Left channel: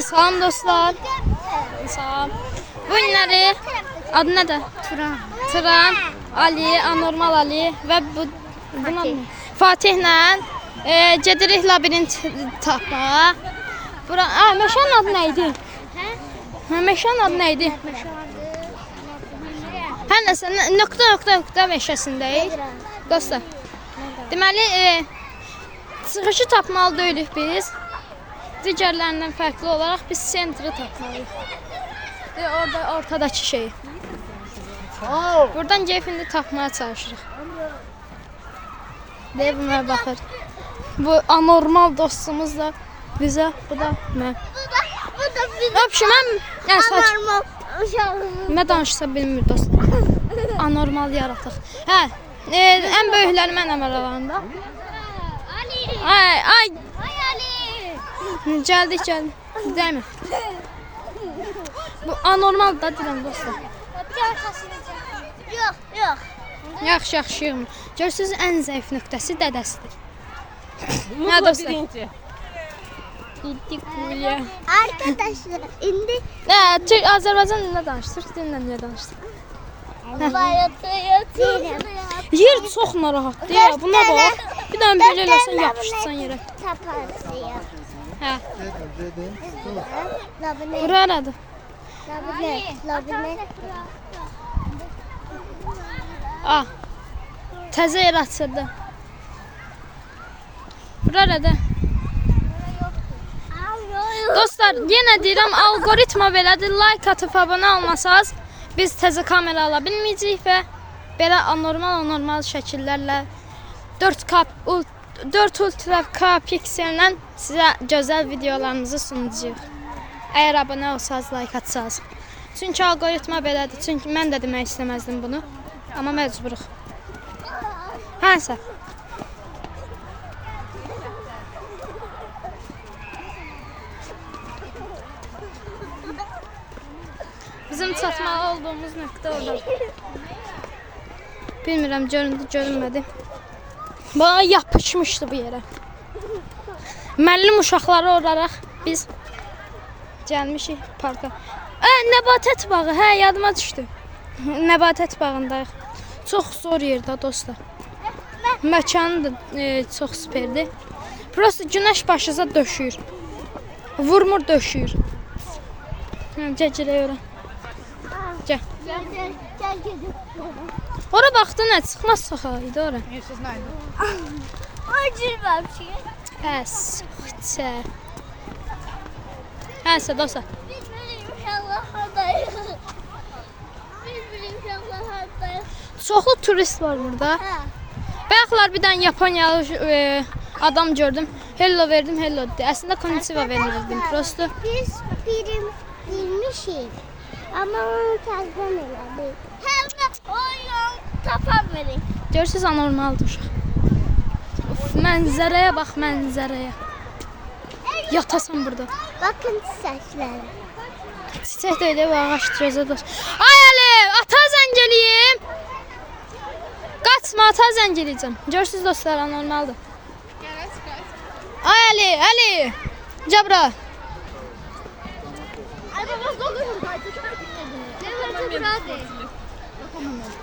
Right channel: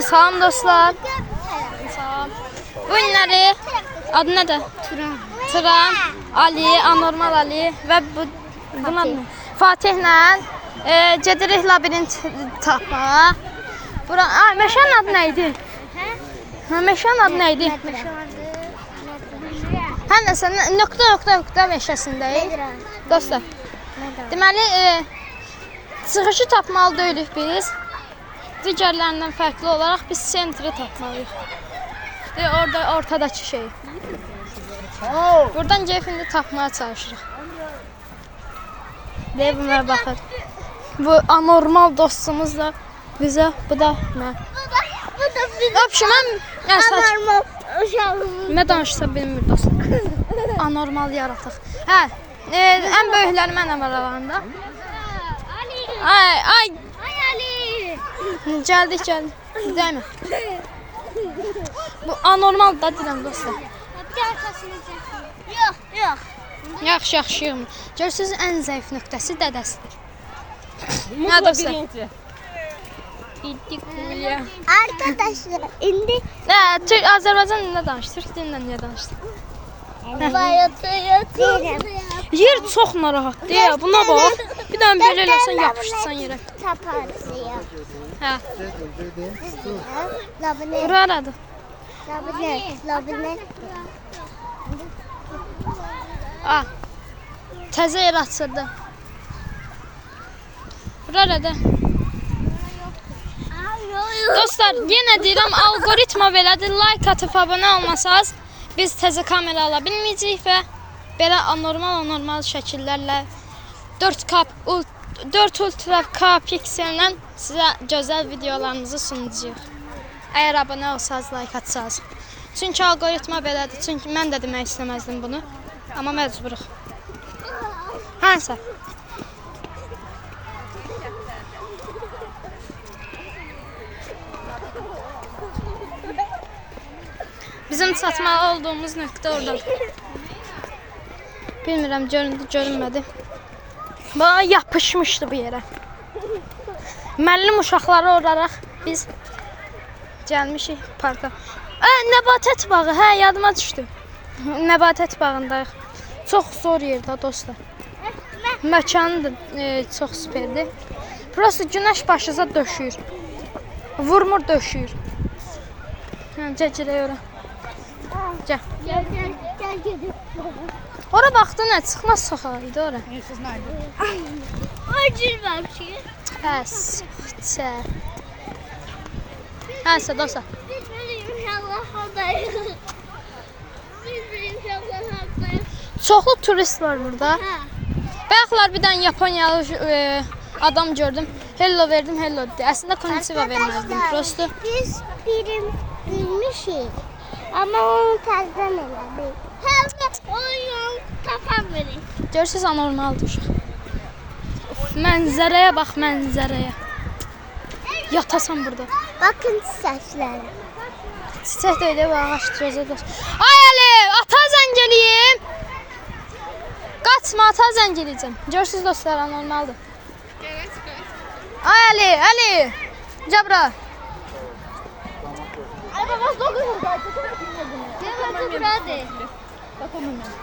Salam dostlar. Salam. Bu günləri adı nədir? Turan, Ali, Anormal Ali və bunun adı nə? Fatihlə gedirik labirint tapmağa. Meşənin adı nə idi? Meşənin adı nə idi? Hər nəsə, nöqtə meşəsindəyik. Dostlar. Deməli, çıxışı tapmalı deyilik biz. Digərlərindən fərqli olaraq biz sentri tapmalıyıq. Orada ortadakı şey. Buradan keyfini tapmaya çalışırıq. Deyə bunlara baxır. Bu anormal dostumuz da bizə, bu da mən. Nə danışsa bilmir dostlar. Anormal yaratıq. Hə, ən böyükləri mənəm aralarında. Ay. Gəldik. Deymi? Bu anormal da deyirəm dostlar. Yox. Yaxşı. Görürsünüz, ən zəif nöqtəsi dədəsidir. Mutlu birinci. Arkadaşlar, indi Azərbaycan dilində danışır, Türk dilində niyə danışır? yatırım. Yer çox narahatdır. Buna bax. Bir dənə belə eləsən yapışsan yerə. Hə. Bura aradı. Təzə yer açırdı. Bura aradı. Dostlar, yenə deyirəm, algoritma belədir. Like atıb abunə olmasanız, biz təzə kamera ala bilməyəcəyik və belə anormal şəkillərlə 4 ultra K piksellə sizə gözəl videolarınızı sunacağıq. Əgər abunə olsanız, like atsanız. Çünki algoritma belədir. Çünki mən də demək istəməzdim bunu. Amma məcburuq. Hansı? Bizim çatmalı olduğumuz nöqtə orada. Bilmirəm, görünmədi. Bana yapışmışdı bu yerə. Müəllim uşaqları olaraq biz gəlmişik parka. Nəbatət bağı, hə, yadıma düşdü. Nəbatət bağındayıq. Çox zor yerdə dostlar. Məkanı da çox süperdir. Prosta günəş başınıza döşüyür. Vurmur döşüyür. Gələk ora. Gəl. Ora baxdın, nə çıxmaz soxalıydı ora. Siz nerede? Acil Pəs. Hansı dostlar? Çoxlu turist var burada. Bayaqlar bir dənə Yaponiyalı adam gördüm. Hello verdim, hello dedi. Əslində konnichiwa vermirdim. Prosto. Biz bilmişik. Ama onu təzdən elədik. Oyun tapamırıq. Görürsünüz, anormaldır. Mənzərəyə bax, mənzərəyə. Yatasan burada. Bakın çiçəkləri. Çiçək də öyle bu ağaç gözə dost. Ay Ali, ata zəng eləyim. Qaçma, ata zəng eləyəcəm. Görürsünüz dostlar, anormaldır. Ay Ali. Cabra. Ay babası dokunmadı.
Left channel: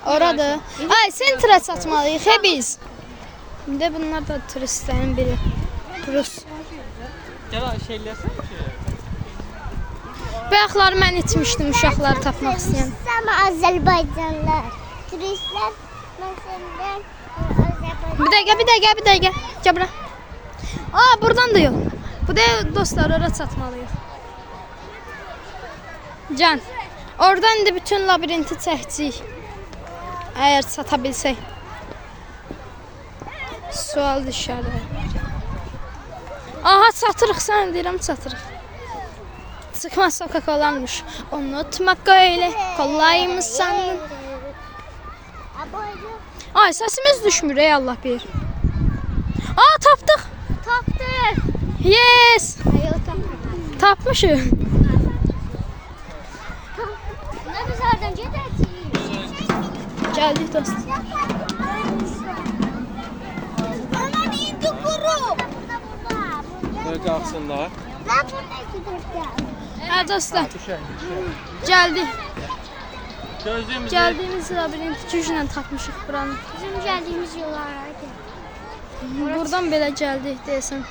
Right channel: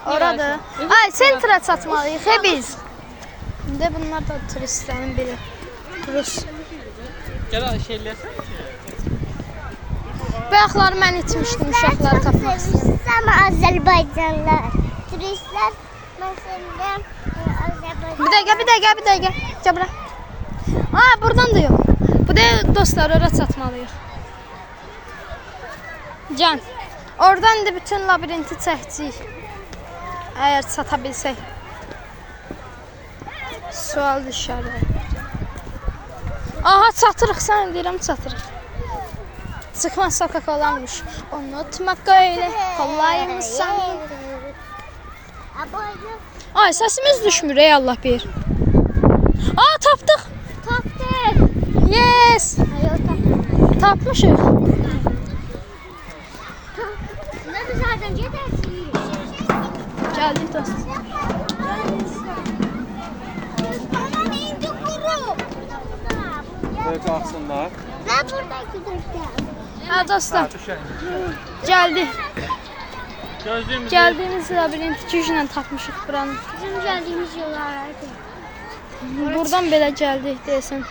Orada. Ay, sentrə çatmalıyıq biz. İndi bunlar da turistlərin biri. Rus. Gel şeylersen. Bayaqlar mən itmişdim uşaqları tapmaq istəyən. Ama Azərbaycanlılar. Turistlər mesela Azərbaycan. Bir dəqiqə. Gəl bura. Buradan da yox. Bu da dostlar, ora çatmalıyıq. Can. Oradan indi bütün labirinti çəkəcəyik. Əgər çata bilsək. Sual düşər. Aha, çatırıq, sən deyirəm, çatırıq. Çıxmaz sokaklarmış. Unutmaq öyle kolaymış sən. Ay, səsimiz düşmür ey Allah bilir. Tapdıq. Yes. Tapmışıq. Ne biz oradan gedəcəyik? Gəldik dost. Böyle kalksınlar. Ne burada gideceğim? Ha dostlar, Düşəyin. geldi. Gözlüyümüzü. Geldiğimiz labirent güclə tapmışıq buranı. Bizim geldiğimiz yollar. Buradan belə gəldik deyəsən.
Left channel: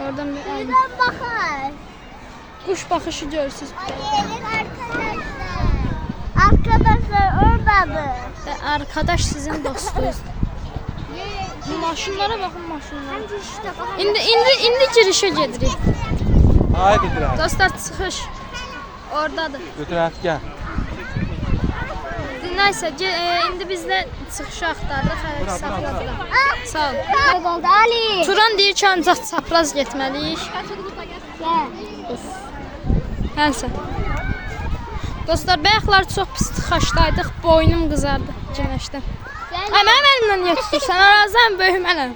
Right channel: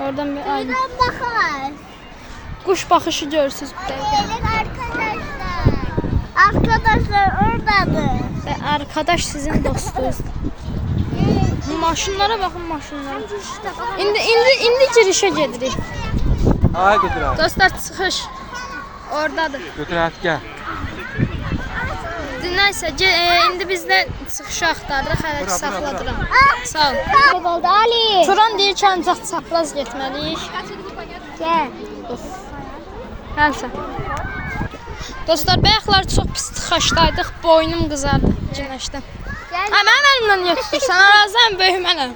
Oradan bir ay. Buradan bakar. Kuş baxışı görürsüz. Gelin arkadaşlar. Arkadaşlar oradadır. Və arkadaş sizin dostunuz. Maşınlara baxın, maşınlara. İndi girişə gedirik. Ay götürər. Dostlar çıxış oradadır. Götürər gəl. Nəysə, indi biz də çıxışı axtardıq, hələ saxladıram. Sağ ol. Kayboldu Ali. Turan deyir ki, ancaq çapraz getməliyik. Gel. Nəysə. Dostlar, bayaqlar çox pis tıxaşdaydıq, boynum qızardı günəşdən. Gel. Hə, mənim əlimdən niyə tutursan? Arazən böyük mənəm.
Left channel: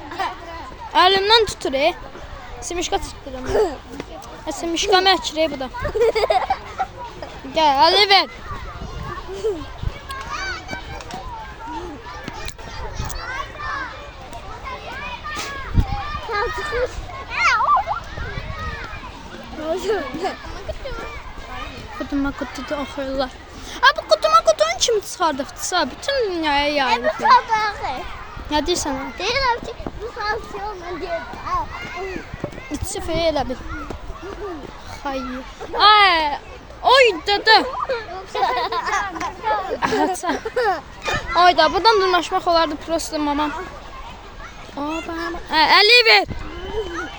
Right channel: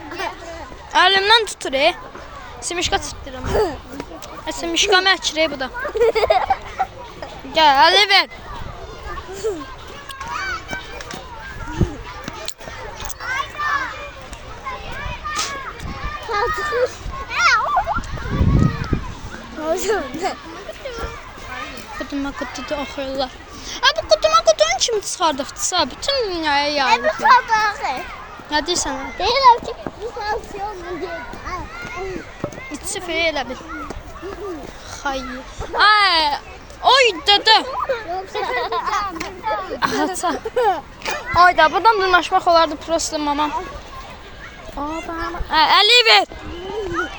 Əlimdən tutur, Simişqa tutduram. Simişqa məhkir, bu da. Gəl, əli ver. Sen çıkış. Qutuma qutuda oxuyurlar. Bu qutuma qutun kimi çıxardıqdısa, bütün dünyaya Bu yayılır. sabahı. Nə deyirsən? Deyirəm ki, bu sansiyonla deyil. İçi fey elə bil. Xayır. Ay, oy dədə. Əhəsə. Ayda, buradan dırnaşmaq olardı prosto mama. Əli ver.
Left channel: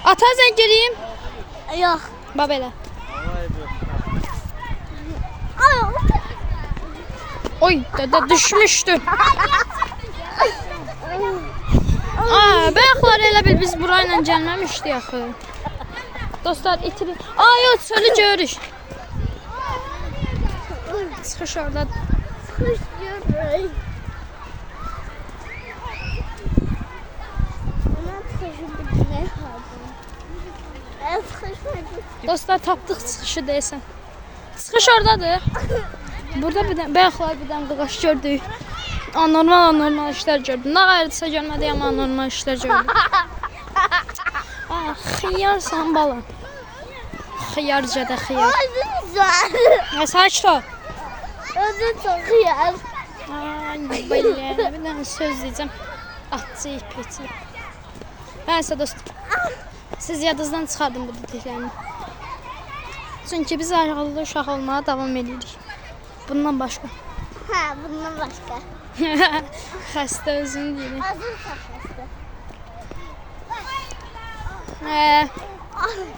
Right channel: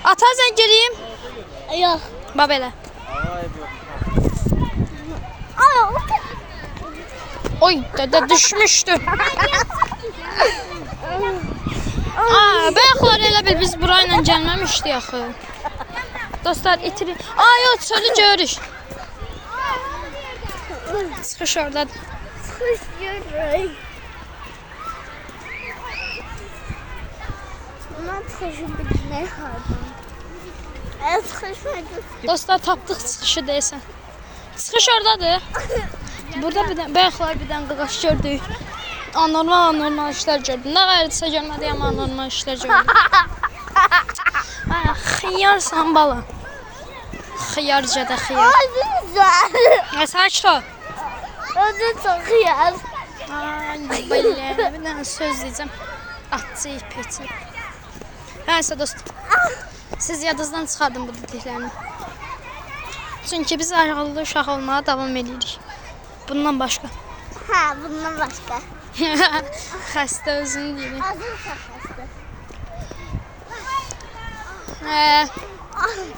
Ata sən gireyim. Yok. Bax belə. Oy, dədə düşmüşdü. Bayaqlar elə bil biz burayla gəlməmişdik axı. Dostlar, itirin. Yox, çölü görürük. Çıxış oradadır. Çıkış görürük. Ondan çıkışı bitmeye kaldım. Evet, çıkış. Dostlar, tapdıq çıxışı deyəsən. Çıxış oradadır. Burada bayaqlar bir dənə qaqaş gördük. Anormal işlər gördüm. Nə qayırdısa görmədiyəm, anormal işlər gördüm. Xiyarsan bala. Xiyarca da xiyar. Ay, güzel. Sakit ol. Özü çok iyi. Ay, bayım. Bir dənə söz deyəcəm. Atçı, ipəçi. Nəysə dostum. Siz yadınızdan çıxardın bu dediklərimi. Çünki biz ayrıqlı uşaq olmağa davam edirik. Bundan başqa. Ha, bundan başka. Xəstə özünü deyir. Azın sakası.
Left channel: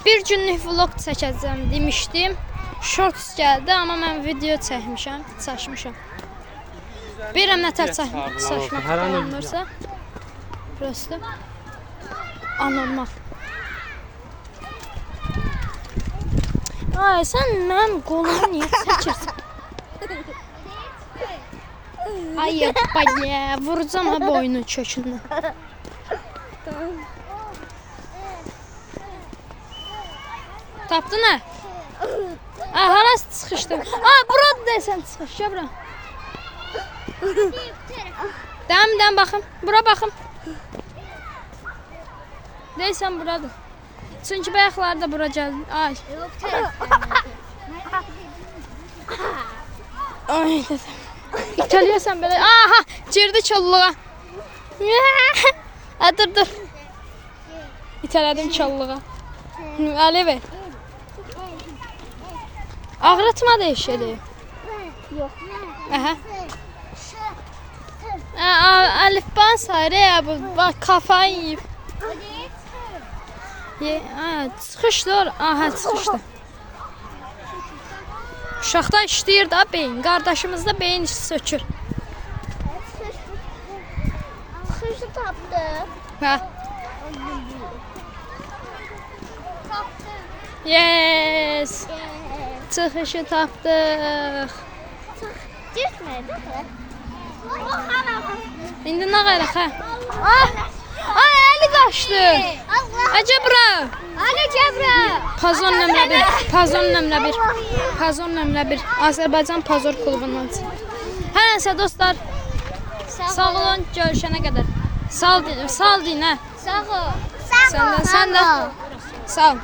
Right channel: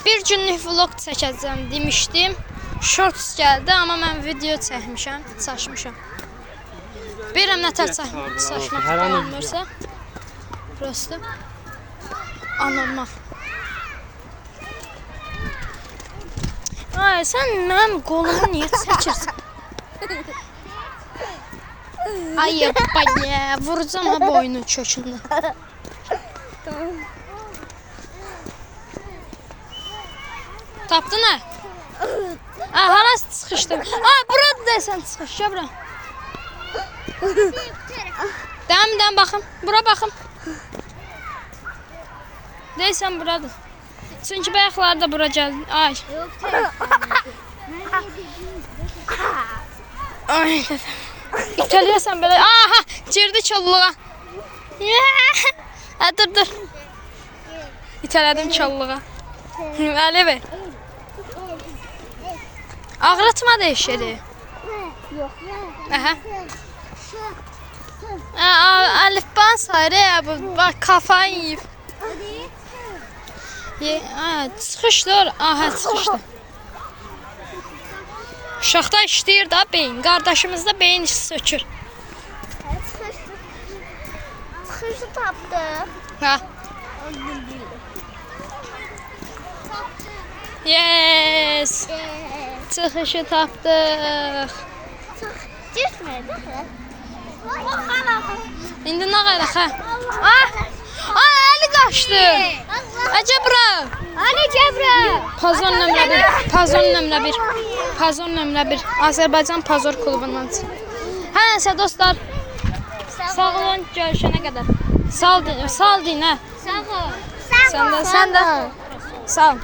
Bir günlük vlog çəkəcəm demişdim. Shorts gəldi, amma mən video çəkmişəm, çəkmişəm. Bilirəm nətər çəkmək dayanmırsa. Prosto. Anormal. Ay, sən mənim qolumu niyə çəkirsən? Ay, baya, vuracam ha boynu kökünü. Tapdın ha? Hala çıxışdım. Burada deyəsən çıxış, ya bura. Dəm baxım, bura baxım. Deyəsən buradır. Çünki bayaqlar da bura gəldi. Ay. Ay, İtəliyəsən belə. Aha, girdi çolluğa. Dur. İtələdim çolluğa. Əli ver. Ağrıtma da işleri. Yok. Aha. Əlifba sayır ya bu. Bak kafayı yiyib. Çıxışdır. Aha, çıxışdır. Uşaqda işləyir da beyin. Qardaşımızda beyin işi sökür. Çıkışı tapdı. Ha. Yes. Çıxışı tapdıq. Düşmedi. İndi nə qayraq ha? Ay, əli qaçdı. Acə bura. Ali Cəbrə. Pazon nömrə 1. Pazon nömrə 1. Azərbaycan Pazor klubundan çıxır. Nəysə dostlar. Sağ olun, görüşənə qədər. Sağ ol deyin, hə. Sağ ol. Sən də. Sağ ol.